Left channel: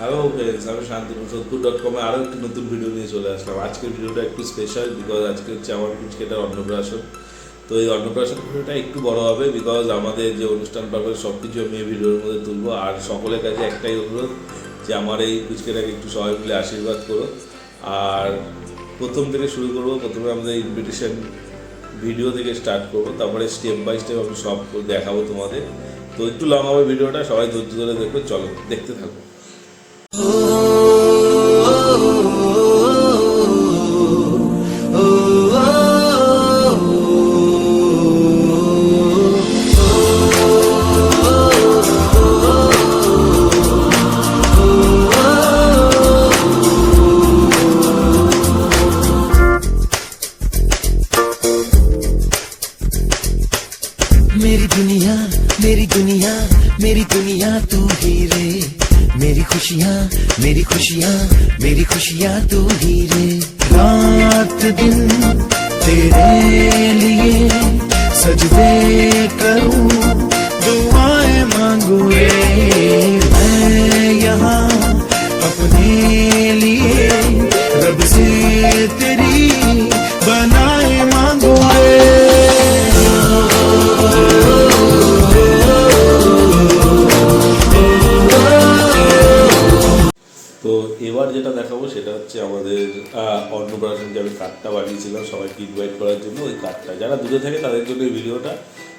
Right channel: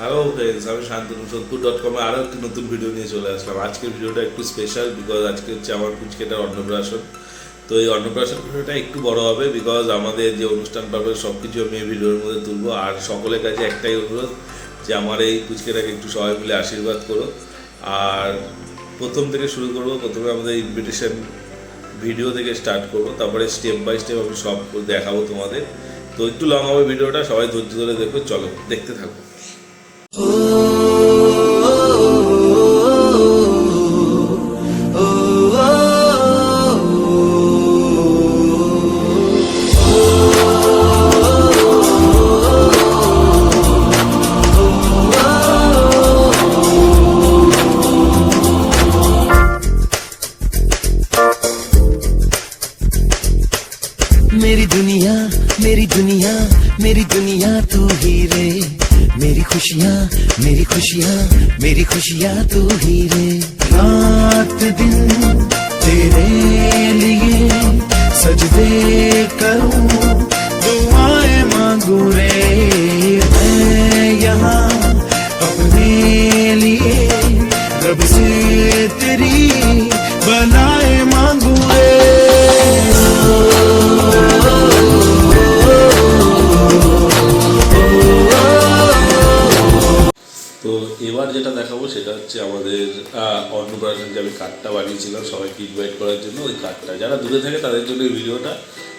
Hello friends, আমি শান্তনু সোদপুর.com-এ আরও একটি নতুন ভিডিও নিয়ে চলে আসলাম। আজকের ভিডিওটা একটু স্পেশাল বিকজ আজকে হচ্ছে আমার পুচকেটার অন্নপ্রাশন। তো এই অন্নপ্রাশন ভিডিওটা একটু বড় হবে বিকজ আমাদের যে অনুষ্ঠান পাবে সব কিছু আমি এই ভিডিওর মধ্যে তুলবো। আর সকলের কাছে একটাই অনুরোধ যে আমার এই পুচকেটাকে একটু সবাই মিলে আশীর্বাদ করো। আর প্রথম থেকে শুরু করবো, প্রথমে আমাদের ইনভিটেশন ভিডিও থেকে স্টার্ট করবো, তারপরে স্টেপ বাই স্টেপ আমি সব দেখাবো তোমাদের। তো একটু লং হবে ভিডিওটা, সবাই ধৈর্য ধরে দেখো, চলো দেখতে থাকো। मेरी दुनिया मेरी दुनिया मेरी दुनिया तू ही रे, मेरी खुशियाँ मेरी खुशियाँ मेरी खुशियाँ तू ही रे। रात दिन तेरे लिए सजदे करूं, दुआएं मांगू रे। मैं यहाँ अपने लिए रब से तेरी बनाए मांगू रे। তো এবার যেটা দেখাবো সেটা হচ্ছে আমাদের অন্নপ্রাশন যে আমি কার্ডটা বানিয়েছিলাম সবাইকে ইনভাইট করার জন্য। ওই কার্ডটা যারা দূরে থাকে তাদের জন্য এই ভিডিওটা,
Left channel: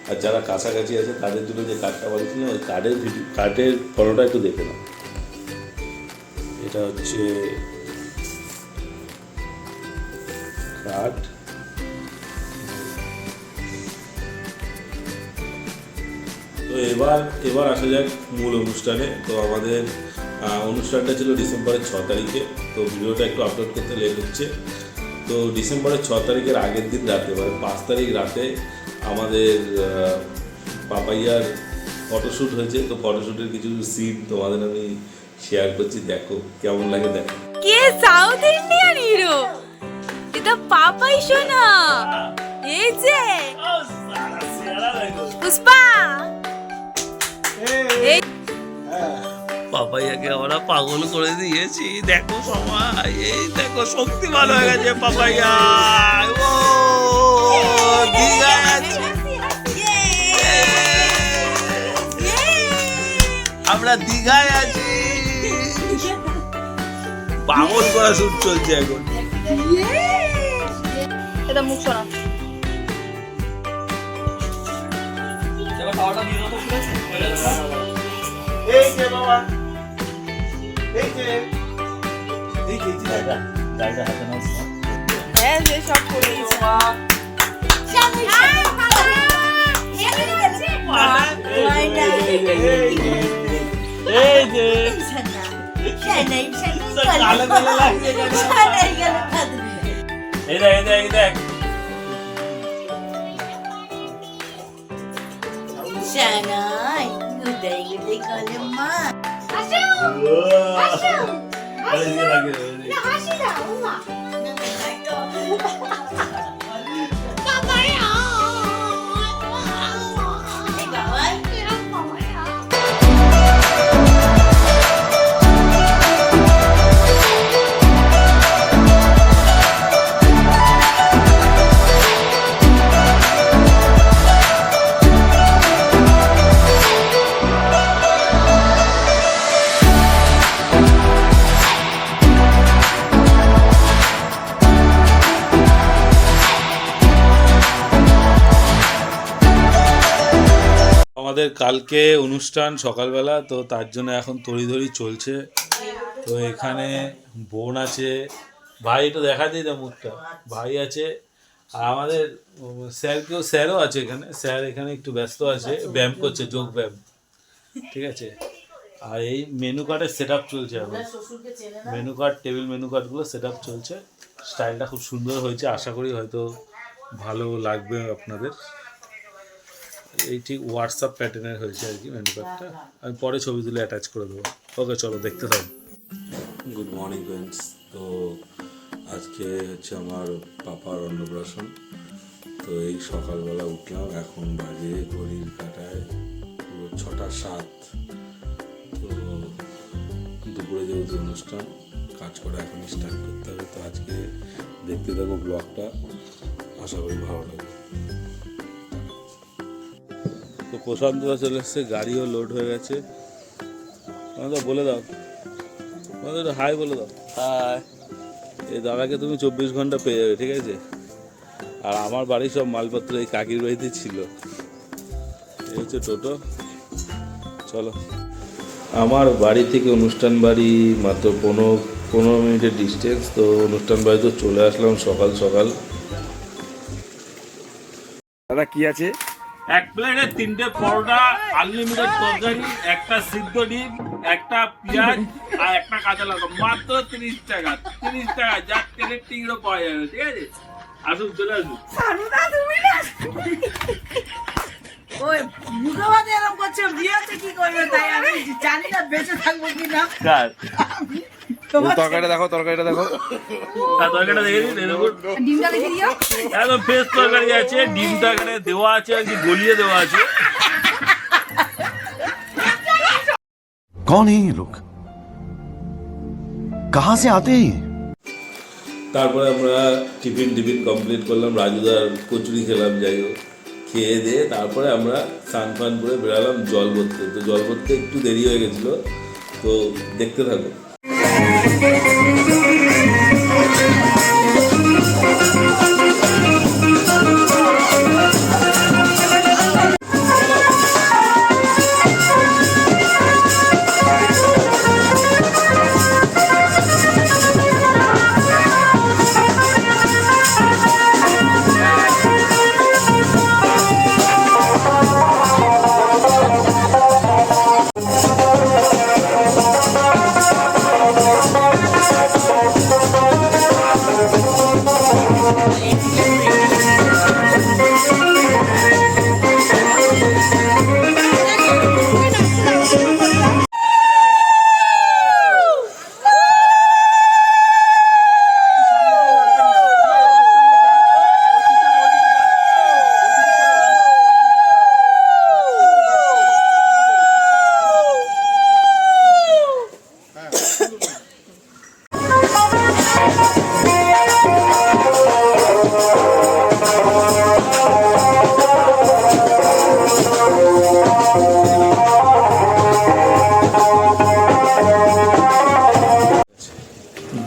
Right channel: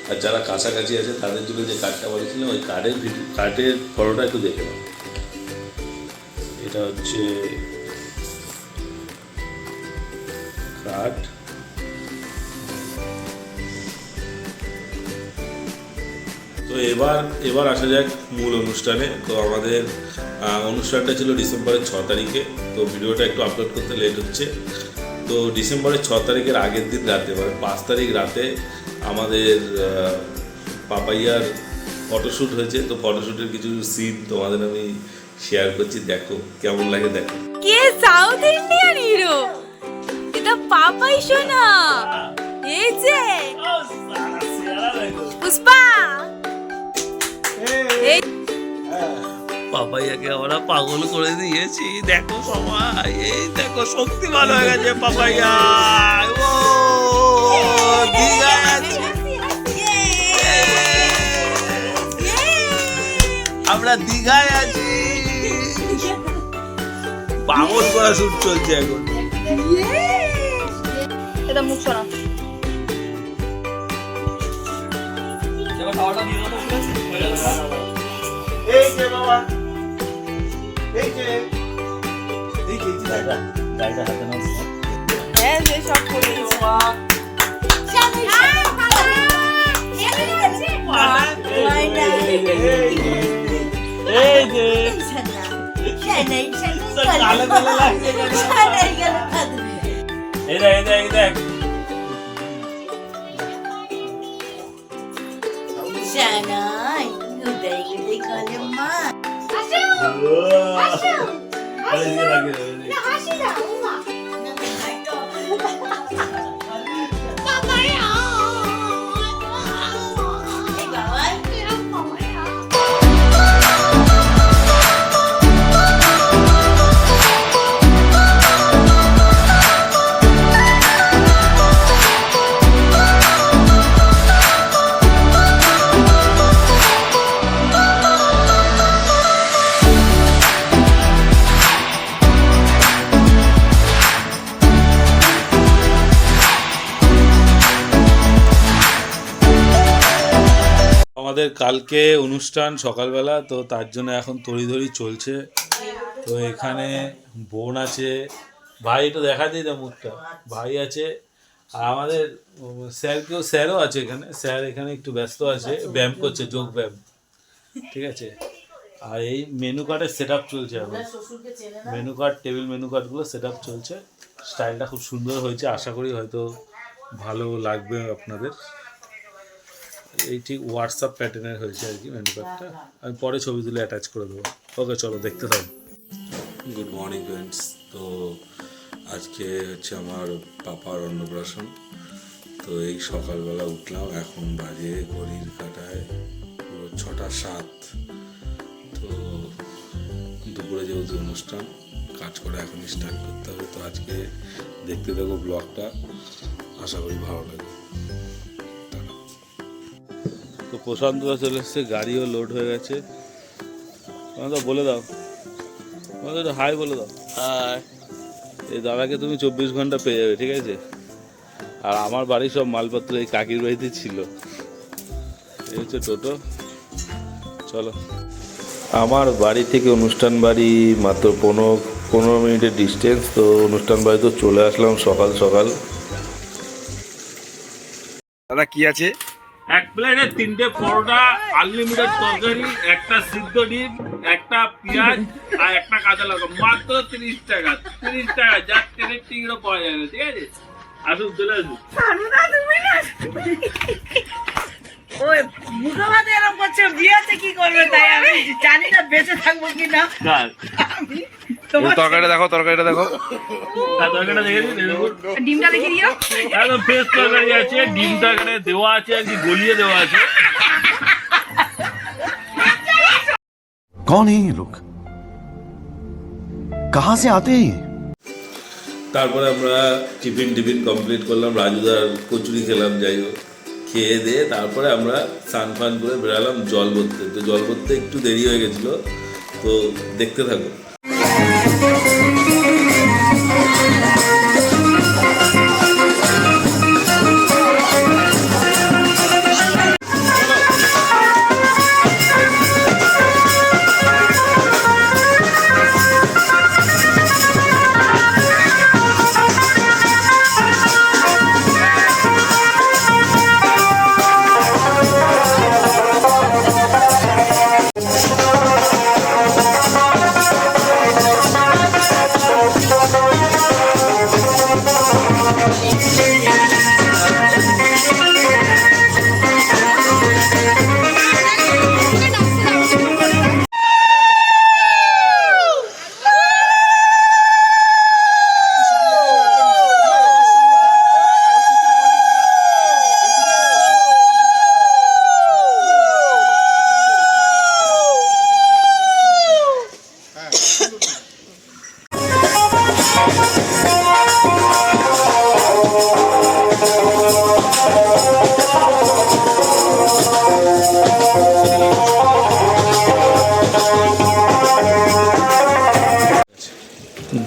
আর যারা কাছাকাছি আছে তাদের জন্য যে কার্ডটা বানিয়েছিলাম ওই কার্ডের ফটোটা একটু দেখে নাও। এটা হচ্ছে কার্ড। তো এবার আসা যাক মূল অনুষ্ঠানে। তো আমাদের অনুষ্ঠানটা ছিল ডিসেম্বরের 6 তারিখে। তো ভিডিওটা একটু আপলোড করতে লেট হচ্ছে। তো ডিসেম্বরের 6 তারিখের আগের দিন রাতে, মানে 5 তারিখ রাতে আমাদের পাপাইয়ার ফটোশ্যুট হয়েছে। তো ফটোশ্যুটের কিছু সিন তোমাদের আমি শেয়ার করছি, দেখো কেমন লাগে দেখো। কে সাউথ ইন্ডিয়ান হিরো? এটা পাপাই সোনা। এই যে পুষ্পা, এই পাপাইয়াকে আমরা পাগল করে দিয়েছি। দেখো সবাই, এই দেখো শক্তিমান হয়ে গেছে পাপাইয়া। ও দীঘায় আছি, আমরা দীঘায় আছি। পাগল করা শুট চলছে এখন। এটা মুখ শোনা। এই যে বাবা, এই যে দাদা হাতে নাও। হ্যাঁ, যে সব করে দিয়েছে। এই যে এই দেখ Shanai, gudai kale ma. আমাদের কালকে অনুষ্ঠান সকালবেলা, তো তার জন্য এখন তড়িঘড়ি চলছে। তো এখানে বোন আছে, ভাই একটু দেখা দিই না মুখটা, ভাই আছে, আর আমাদের স্যারও আছে এখানে। স্যার এখানে একটু ব্যস্ত আছে, ব্যায়াম করছে, যোগ ব্যায়াম, ঠিক আছে। আর এই মেনু কার্ডের সেট আপ চলছে এখন, মেনু কার্ড, টেবিল মেনু কার্ডগুলো সেট আপ চলছে। স্টাইলটা খুব সুন্দর হয়েছে, আশা করি হয়তো ভালো লাগবে আপনাদের। এই ঠিক হোয়াটসঅ্যাপ প্যাটার্নের হয়েছে আর কি মেনু কার্ডটা। আমি পরে ছবি তুলে অ্যাটাচ করে দেবো। ওকে চলো দেখতে থাকো। Good morning friends. তো আজকে হচ্ছে আমার পাপার অন্নপ্রাশন। তো এই সকালবেলা উঠলাম, এখন বাজে ঘড়ির কাঁটায় পুরো 6টা 7। তো দুপুরে যেহেতু অনুষ্ঠান, কাজ করে এখন স্টার্ট করতে হবে। তো আজকে দেখতে থাকো ব্লগটা, আশা করি ভালো লাগবে। তো প্রশান্তরা চলে এসছে, গাড়িও লোড হয়ে গেছে। বলে দাও, হাই বলে দাও। হাই। এই দাদাকে তুমি 24 ঘন্টা পেয়ে যাবে, ঠিক আছে? আর আমার বাড়ির সব মালপত্র এই কাকির বাড়িতে ছিল। এই হচ্ছে টোটো, চলো। আমার বাড়ি থেকে অনুষ্ঠান বাড়ি মাত্র 15 মিনিটের ডিস্টেন্স। তো অনুষ্ঠান বাড়ি তো চলে আসলাম সকাল সকাল। দাদা কি আছে? এক প্লেটে 3টে পরোটা, আনলিমিটেড তরকারি, একটা সিদ্ধ ডিম, একটা পেঁয়াজ আর একটা কাঁচা লঙ্কা, মাত্র 30 টাকা। 30 টাকা যা ট্রেনের টিকিটও পাওয়া যাবে, ঠিক আছে? আসুন, চলে আসুন। ওই মুখোপাধ্যায় এরকম করছে, বিয়েতে কি করবে তাই আমি জানি না বেঁচে থাকবো কিনা। তরকারিটা দেখো, তরকারিটা দেখো। তরকারিটা দেখে দিন, ডিমটা দেখে দিও। একদম ফ্রেশ তরকারি আছে, ডিমটা এখানে দেওয়া আছে আর কি, গলিয়ে দেওয়া আছে। कौन है ये लोग? कहां से आते हैं? তারপরে আমরা টিফিন কমপ্লিট করলাম, রাজুদার কচুরি খেলাম, যাই হোক খেয়ে দিয়ে তারপরে আমরা স্নান ফান করে বেরালাম জল ভরতে। তো জল ভরতে একটু দেরি হয়ে গেছিলো, তো দেখতে থাকো।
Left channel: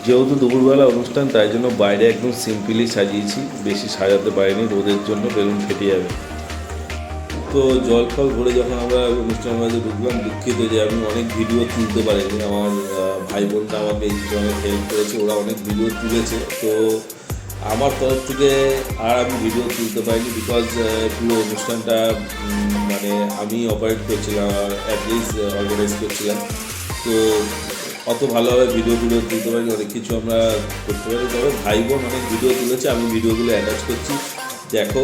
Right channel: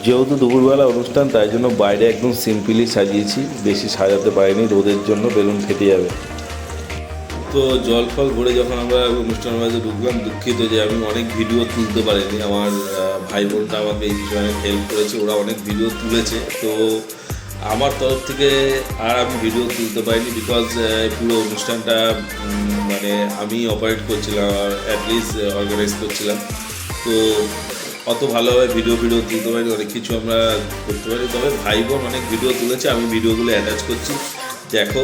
যেহেতু দুপুরবেলা অনুষ্ঠান, তাই জন্য বাইরে একদম সিম্পলি সাজিয়েছি, বেশি সাজাতে পারিনি, রোদের জন্য বেলুন ফেটে যাবে। তো জল ফল ভরে যখন আমরা অনুষ্ঠান বাড়িতে ঢুকলাম, দুঃখিত যে আমি অনেক ভিডিও তুলতে পারিনি। আমার ভাই বোনরা আমাকে এই বিষয়ে অনেক হেল্প করেছে, ওরা অনেক ভিডিও তুলেছে। তো আমার তরফ থেকে আর আমি ভিডিও তুলতে পারিনি, বিকজ পুরো অনুষ্ঠানটা মানে আমি অপারেট করছিলাম আর অ্যাটলিস্ট অর্গানাইজ করছিলাম। তো অত ভালোভাবে ভিডিও তুলতে পারি, অনেক কিছু আমরা করতে পারি। তবে ভাই বোন অনেক ভিডিও তুলেছে, আমি ভিডিওগুলো অ্যাটাচ করছি, দেখো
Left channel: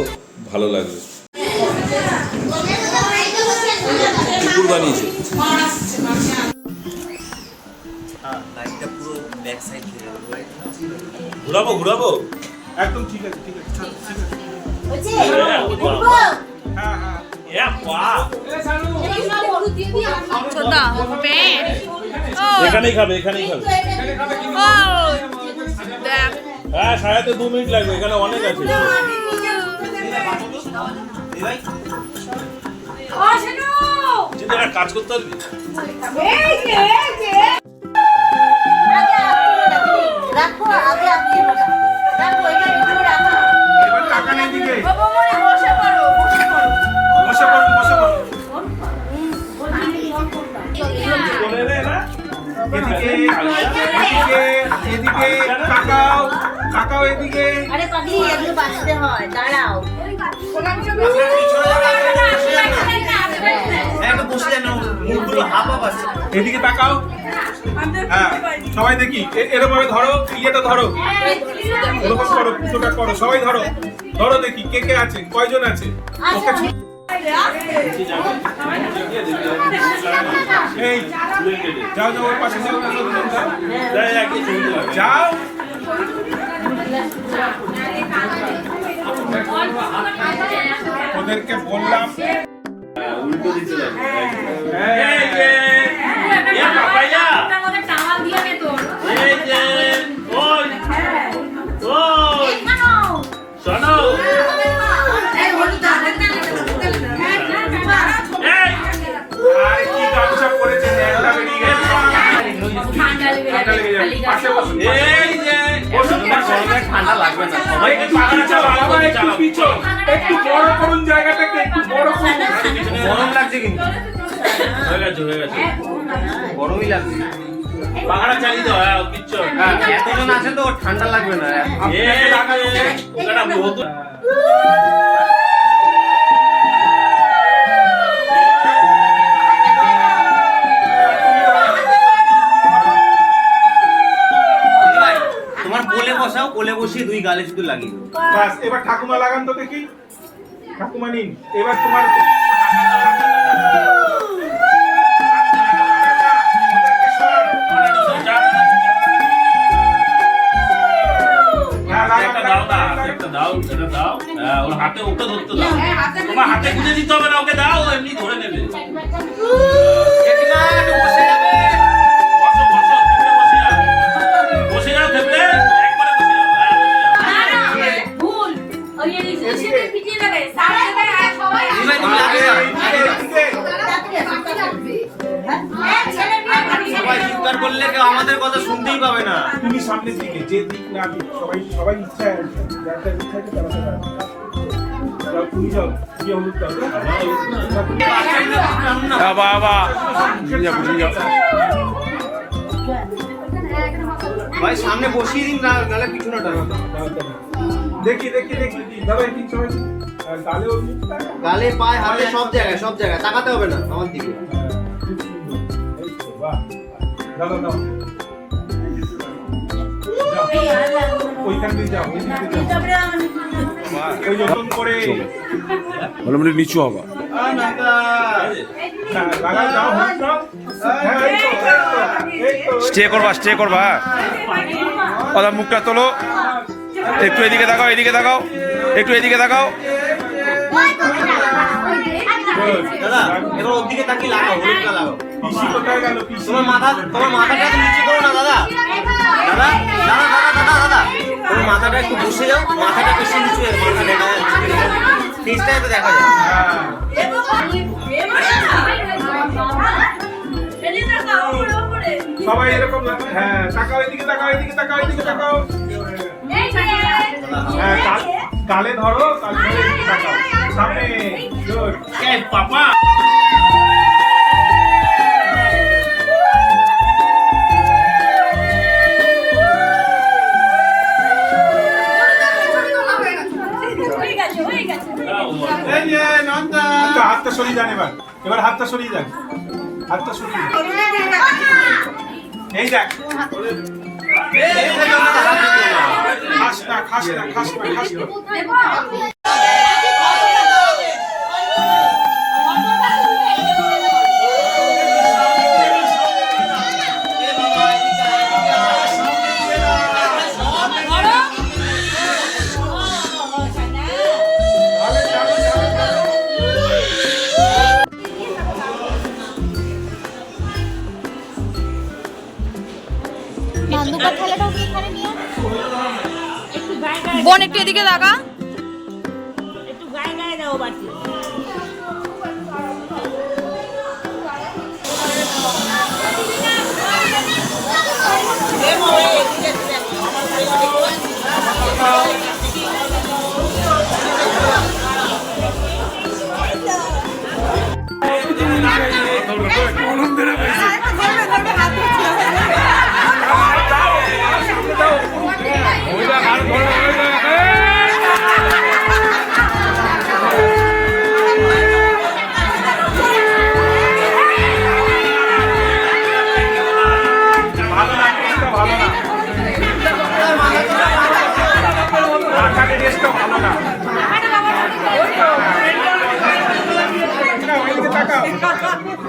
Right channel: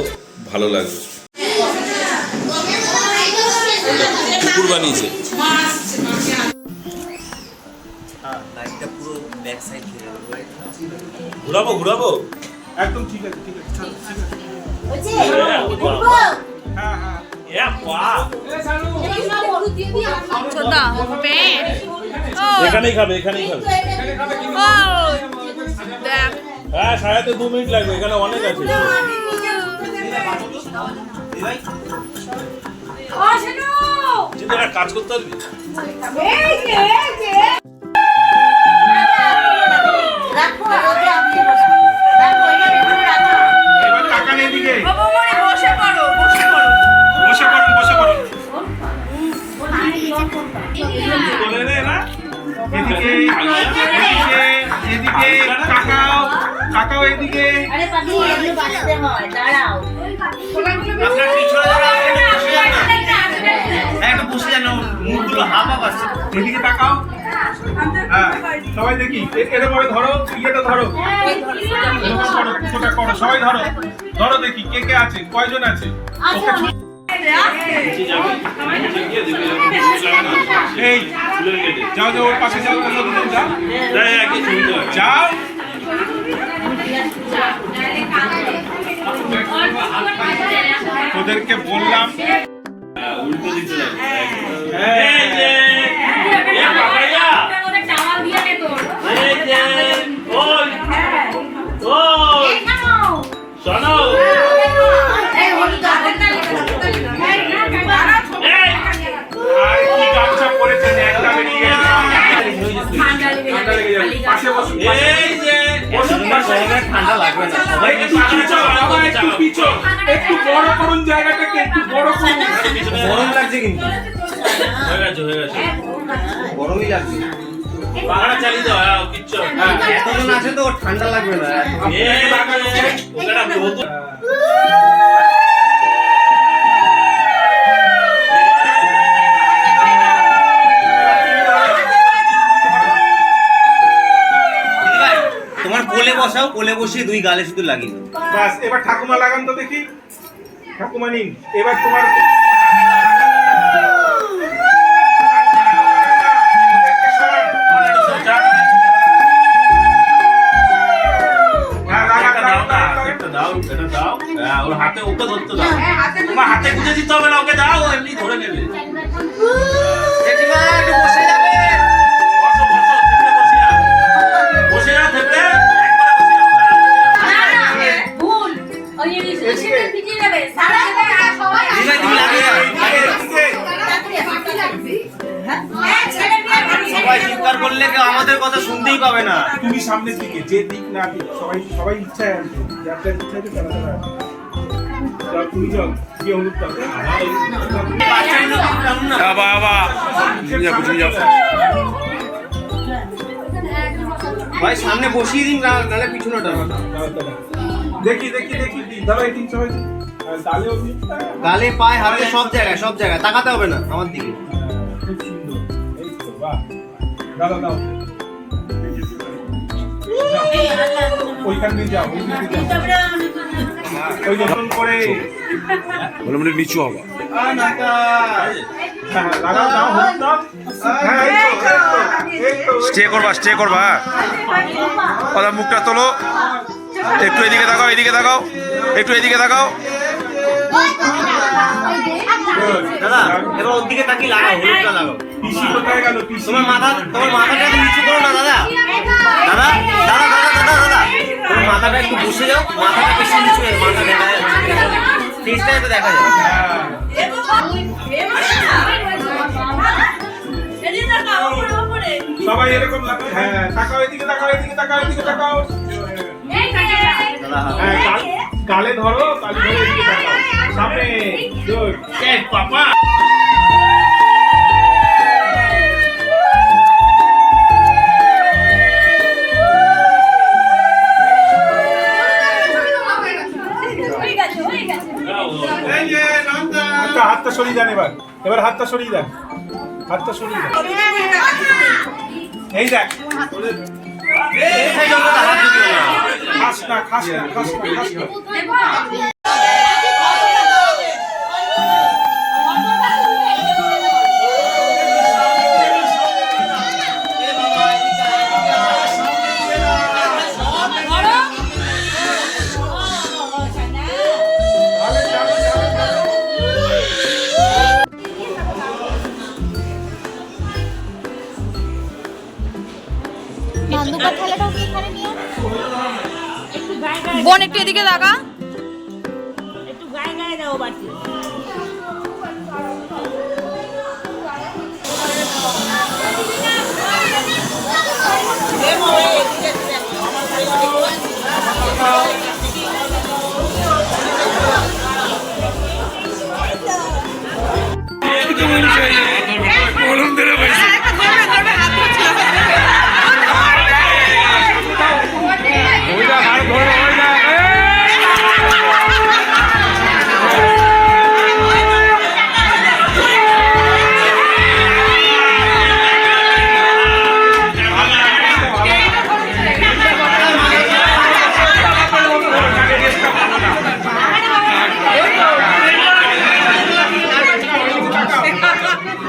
ভালো লাগবে। কুকুর বানিয়েছে, ঘুরাবো একদম ঠিক আছে, ঠিক আছে, ঠিক আছে। এখানেই খাবে। হ্যাঁ, সাড়ে 2 মিনিট লাগবে, এখানে অনেক আছে। কাজ করতে পারবি? রাখো আগে আপনি রাখো, এখানে একটু রাখো। এবার টাকা নেই দিকে। বাবা মরে বসে পড়ো। বসে পড়ো। বলে রে না, এদিকে কাকাও এদিকে। আরে পাগলি, এগুলো বাঁচতে হয়, দাঁড়াও। একটু বসে জানো, মুখগুলো হাফ আসছে। এদিকে তাকাও। হ্যাঁ, সবাই দেখি, এরকম ভাবে ধরো, ইয়েটা ধরো, এরকম করো, কুটোটা করো, সবাই ধরো দেখি কে আছে, কয়জন আছে। এই যাও ওর পাশে যাও, যাও। ওদেরকে বললাম উল্টো দিতে যাবে। ঠান্ডা লাগবে না সবাই একটু পাখানা চালাও, বাবা, একটু পিছন, একটু বড় করুন জায়গাটাকে, একটু বড় করুন। গরম লাগছে কিন্তু হয়ে গেছে হয়ে গেছে গরমই লাগছে পাখানা চালিয়ে দাও হ্যাঁ কিচ্ছু হবে না। এতদিন আছে তো ঠান্ডা লাগবে না এই লাগানো ওটা বহুত তোমার কোলে বসাও কোলে বসিয়ে দুই গালে শুধু লাগিয়ে বাস, এবার ঠাকুমা লাগান তো দেখি। ঠাকুমা নিন, এবার তোমার একটা দাও না একটা দাও এটা দাও হ্যাঁ ওর হাতে ওকে ধরতে দাও তোমার হাতে গুঁজে দিতে হবে না ওকে দাও ও এমনি ধরে নেবে বসো বসো থেমে বসে যাও থেমে একবারে বসে যাও হ্যাঁ ভুল ওই সিটে ভিজিয়ে নেবে সারা জায়গায় সবাই সবাই চিৎকার করলে কেউ আমাদের কথা শুনতেই পাবে না তুমি সামনের দিকে, যে দিক না দিক সবাই সবাই ইচ্ছায় আসবে, যার যার ইচ্ছা আছে তারা তারা আসবে। চলো, তুমি যাও, গিয়ে হলুদ দাও। ভাই সামনে বসিয়ে দিন না নাহলে পিছনে টানো দেখি দেখি দেখি দাঁড়াই দিন সবাই দিন। আর গালে ওর মুখটা গালে পায়ে হাতে সব জায়গায় তাকাতে হবে না আমার দিকে খুব সুন্দর। এই তো, বাহ। দাও, দাও, দাও। যাও। ওইখান দিয়ে যাও, ওইখান দিয়ে যাও। ওই যে নতুন করে হ্যাঁ, লাগাও, দাও, হলুদ দাও। হ্যাঁ, এই তো, এই তো, স্টে করবা স্টে করবা ওদের মুখটা তোলো একটু এদিকে তাকাও এদিকে তাকাও একটু এদিকে তাকাও দাদা এবার ওর দিকে তাকিয়ে লাগাও হলুদটা লাগাও পিসি কোথায় গেল, পিসি? তোমার মাথাটা একটু নিচু করো না দাদা তোমার মাথাটা একটু বসে যাও মাথাটা বেশি নিচু হয়ে ফেসটা একটু দেখা যায় সবাই এরকম লাগাও। হ্যাঁ, তাকাও এদিকে, তাকাও এদিকে, তাকাও এদিকে, তাকাও। হ্যাঁ, গালে ধরো, গালে ধরে এদিকে তাকাও। সামনে, good. এই পাপা আচ্ছা, হাতটা সরিয়ে দেন এবার। এবার হাতটা সরিয়ে দেন। হাতটা সরিয়ে দেন। এই দেখ। খাস না, খাস না, খাস না, খাস না। বোন একটু এদিকে তাকা একটু গায়ে গায়ে দাও বাড়তি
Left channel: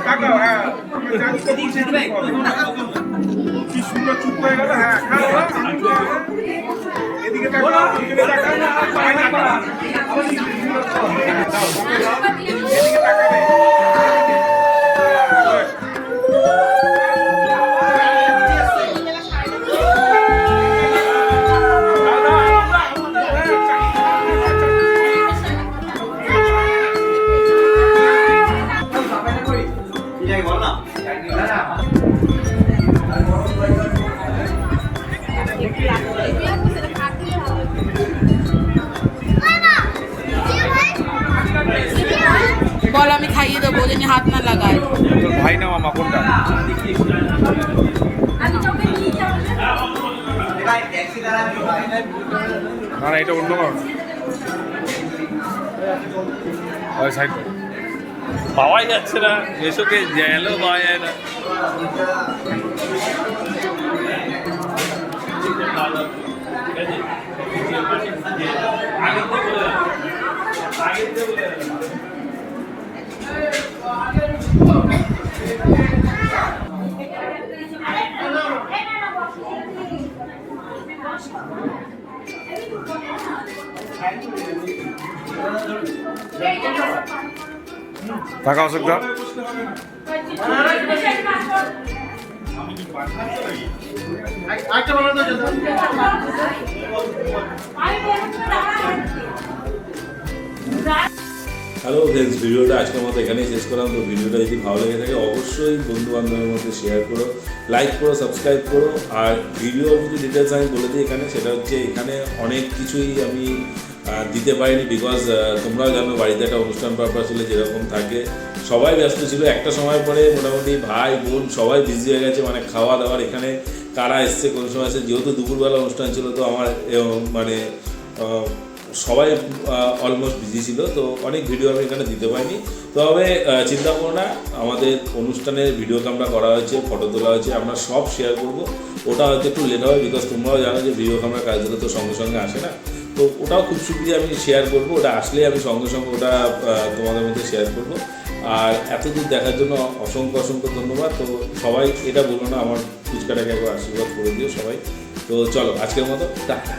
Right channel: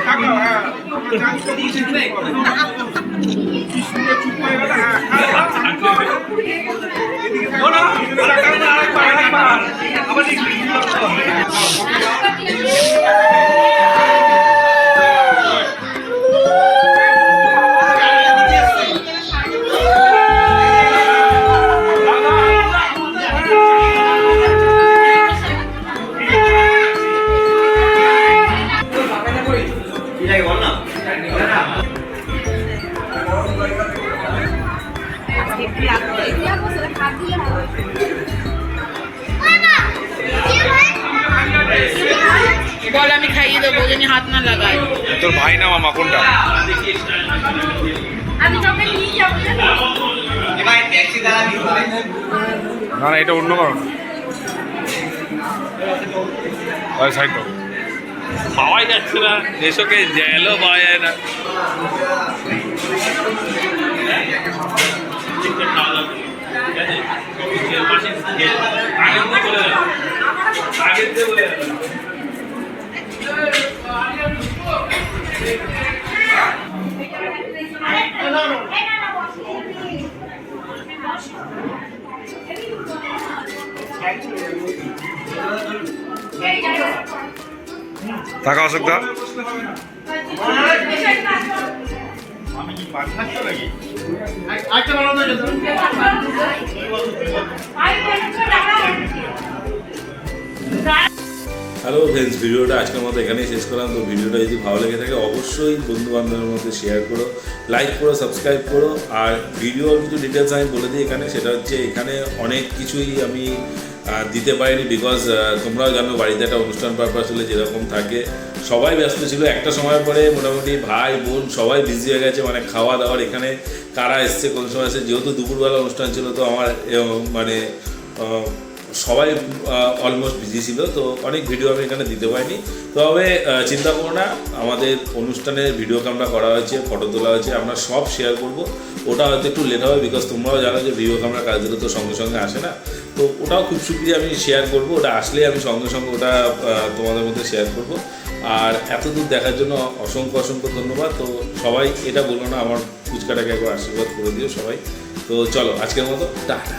তাকাও, হ্যাঁ। কি সুন্দর চুপ করে গেল, হ্যাঁ। এদিকে তাকাও, এদিকে তাকাও না, আরেকবার। আবার তোর ভাই না মামা কোনটা? না না এটা অন্য কারণ। সাইড পাওয়াই যাচ্ছে না, নেশোকে জেলও পাওয়া যায় না। টাকা অসুবিধা হ্যালো ফ্রেন্ডস, ভিডিওটা আজকের মতো এখানেই শেষ করলাম। তো ভিডিওটা যদি ভালো লেগে থাকে অবশ্যই বন্ধু বান্ধবের মধ্যে শেয়ার করো, লাইক করো, সাবস্ক্রাইব করো। আর ভিডিওর কিছু ডিটেলস আমি বলে দিই এখানে, সেটা হচ্ছে এখানে অনেক কিছুই আমি দিতে পারিনি, বিকজ তোমরাও জানো বাড়িতে একটা অনুষ্ঠান পারপাস হলে যেরকম থাকে, সবাই ব্যস্ত ছিল। একটা সময়ের পরে মোটামুটি ভাই বোন সবাই বিজি হয়ে গেছে, মানে খাওয়া দাওয়ার, এখানে কারা এসছে কোন সময় এসছে, যেহেতু দুপুরবেলা অনুষ্ঠান ছিল তো আমার মানে সবাই অলমোস্ট বিজি ছিল, তো অনেক ভিডিও আমি এখানে দিতে পারিনি। তবে চিন্তা করো না, আমাদের অনুষ্ঠানের ভিডিও ক্যামেরা করা হয়েছে, ফটো তোলা হয়েছে, আমরা সব শেয়ার করব। ওটা হয়তো একটু লেট হবে, বিকজ তোমরাও জানো যে ভিডিও ক্যামেরা কাজ দিলে তো সঙ্গে সঙ্গে আসে না, তো ওটাও খুব শীঘ্রই আমি শেয়ার করব। ওটা আসলে আমি সঙ্গে সঙ্গে ওটা তোমাদের মধ্যে শেয়ার করব। আর এতদূর দেখার জন্য অসংখ্য অসংখ্য ধন্যবাদ। তো সবাই এটা বলবো না, আমার ফুচকাটাকে একবার আশীর্বাদ করে দিও সবাই। তো চলো আজকের মতো টাটা।